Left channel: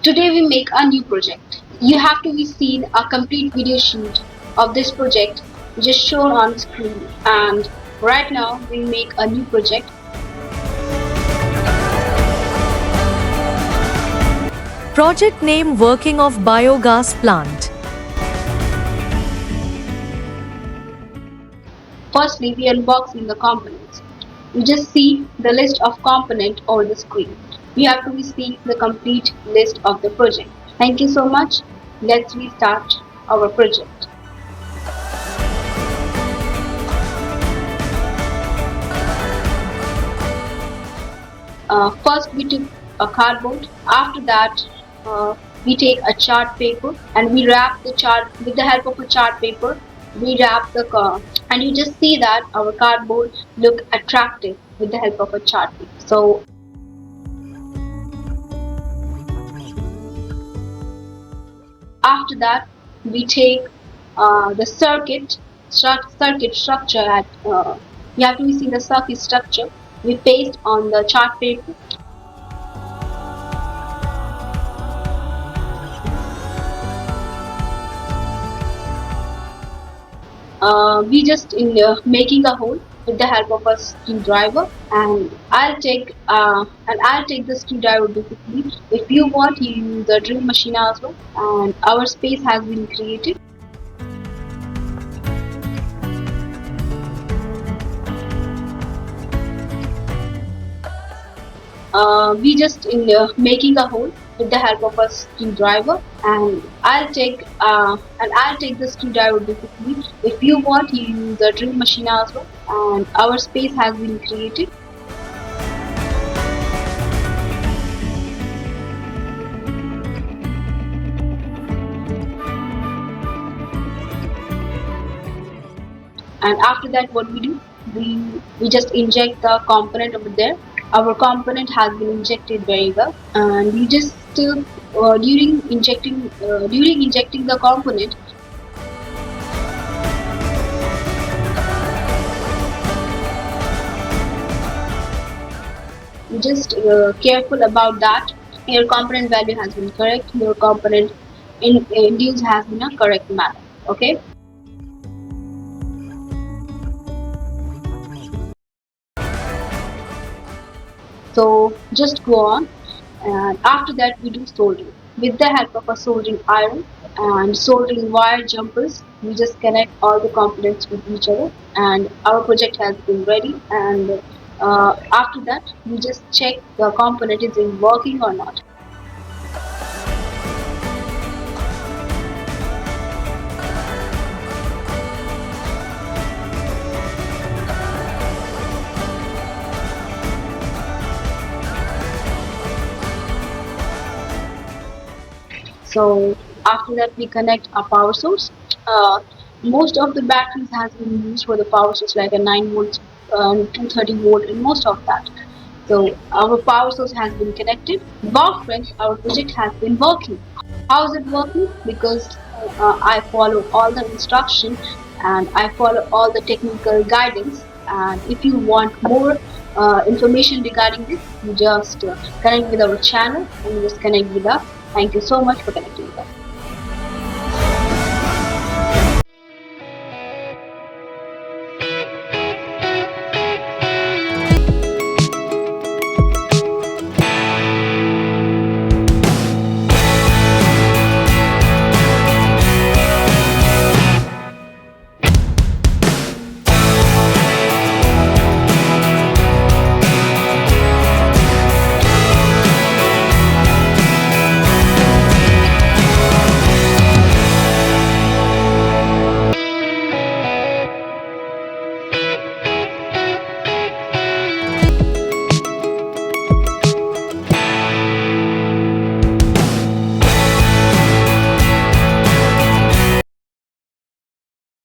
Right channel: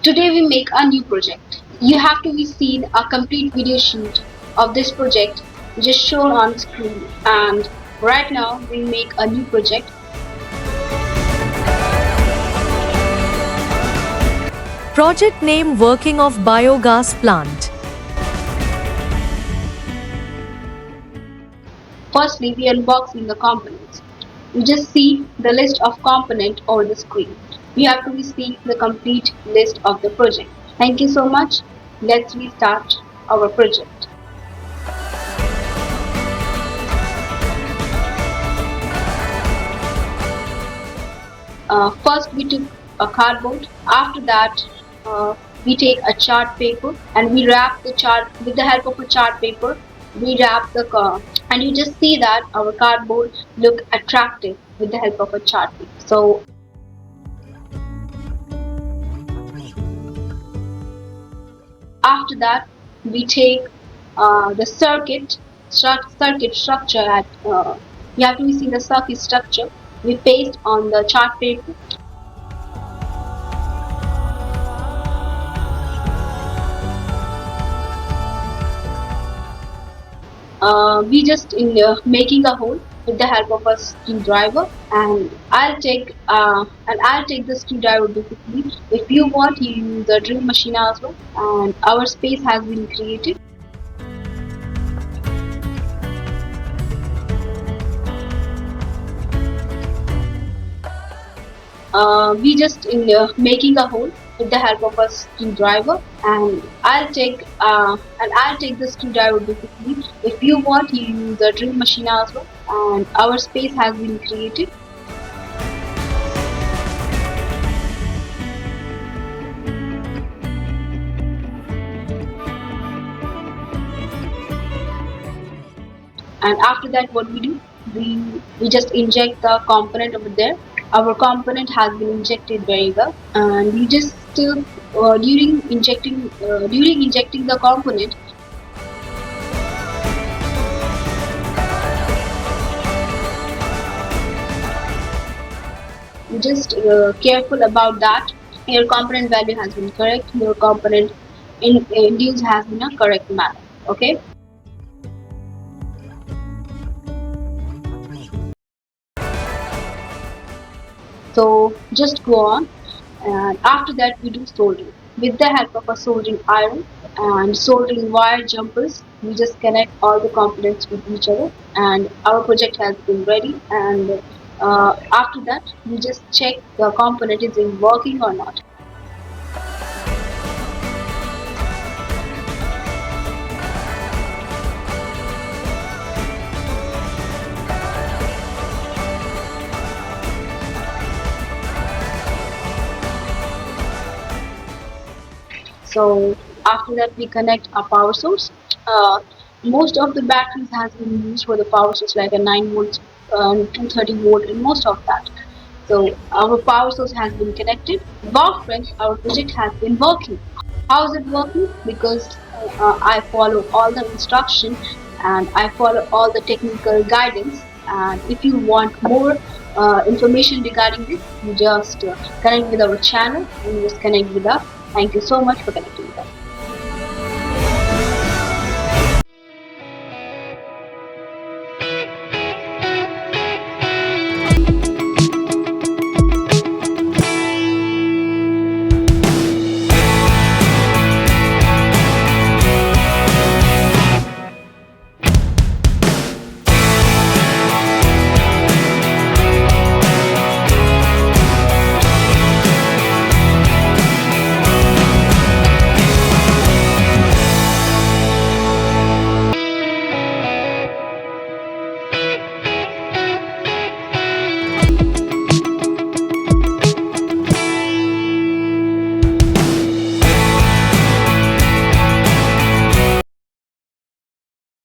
Today we make a new project. You have to be seen a complete video shoot of this project just shown on screen, and right now we make a new project. Project name Working of Biogas Plant. Firstly, we unboxing the components. You just see the list of components over the screen. You have to be seeing the complete list of the project. Thank you so much. Let's restart our project. First we took a cardboard. After that we take a chart paper and we wrap the chart with the help of a chart paper. We wrap the car and you just see that our cardboard look attractive with the help of a chart paper. So after that we take the circuit structure at you have to see the circuit structure. We paste on the chart paper. We just in making a hole with the help of a screwdriver, and I'll take the screwdriver basically. If you want, you use the drill machine as well. And our space has been created. We just in making a hole with the help of a screwdriver, and I'll take the screwdriver basically. If you want, you use the drill machine as well. And our space has been created. And after that what we do, we just inject the component over there. Our component has been injected very well, and we just during injecting the component, we just careful about that your component value has been correct, your component induced has been a correct manner. Okay. So just go on, and after that we do soldering with the help of a soldering iron and soldering wire jumpers. We just connect all the components with each other, and our project has been ready. And after that we just check the component is in working or not. So after that we connect a power source. Most of the batteries has been used for the power source, like a 9 volt, 230 volt, and most of that. So our power source has been connected. Wow, friends, our project has been working. How is it working? Because I follow all the instructions and I follow all the technical guidance. And if you want more information regarding this, just connect with our channel and just connect with us. Thank you so much for connecting.